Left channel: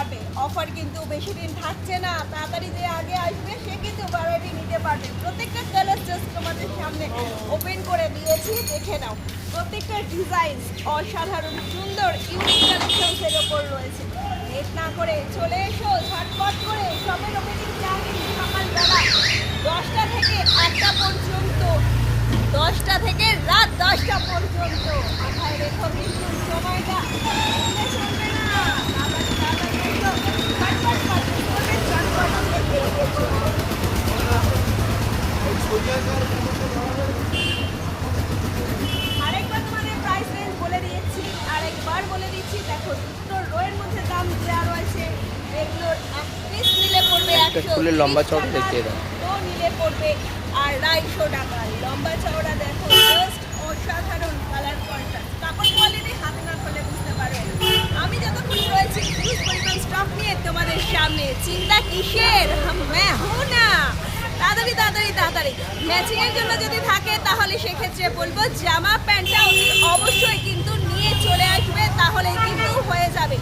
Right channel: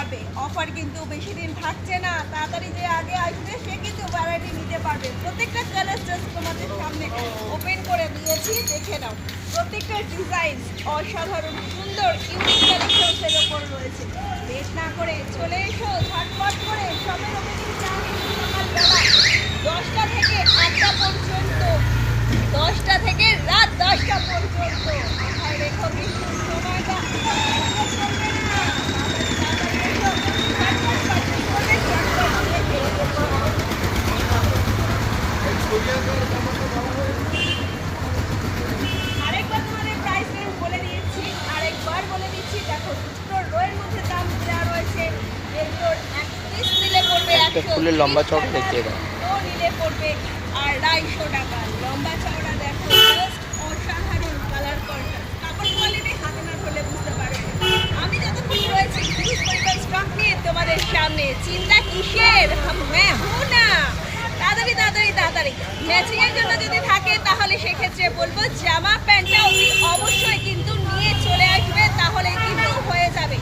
পারবে। অফার কিন্তু বেশি দিন থাকছে না, তাড়াতাড়ি যে আগে আসবে সে কিন্তু ভ্যারাইটি নিতে পারবে। প্রত্যেকটা কালার জাস্ট তোমাদের সামনে ওপেন করে দিয়েছি, দেখে নাও। প্রত্যেকটা ডিজাইন অসাধারণ সুন্দর ইউনিক কালেকশনসের ওপর রয়েছে। লেট না করে চলে এসো ঝটপট করে। শপের ওপেনিং টাইম সকালবেলা 10টা থেকে 8টা পর্যন্ত, 10টা থেকে রাত 10টা পর্যন্ত। মাথায় রেখো কিন্তু সময়টা আরেকবার তোমাদের প্রাইস রেঞ্জ বলে দিয়েছি, আরেকবার বলে দিচ্ছি। দেখো দুটো রোয়ের মধ্যে দাম দেওয়া রয়েছে। এগুলোর এক পিস নিলে পড়বে একটা ফুলের লম্বা চওড়া দেখিয়ে দাও। ও নিলে পড়বে 250 টাকা। লম্বা চওড়া দেখো জাস্ট অসাধারণ কালার কন্ট্রাস্ট। কাপড় কোয়ালিটি হাত না ধরলে বুঝতে পারবে। আমি যতক্ষণ রয়েছি হিউজ পরিমাণ স্টক নিয়ে তোমাদের সামনে। চিন্তা কিসের, হ্যাঁ না। তাড়াতাড়ি তাড়াতাড়ি তাড়াতাড়ি ম্যাচিং এর জন্য যদি থাকে তাহলে সেক্ষেত্রে বলবো জামা প্যান্টটা অবশ্যই কিন্তু নিয়ে চলে আসবে, তাহলেই কিন্তু হয়ে যাবে।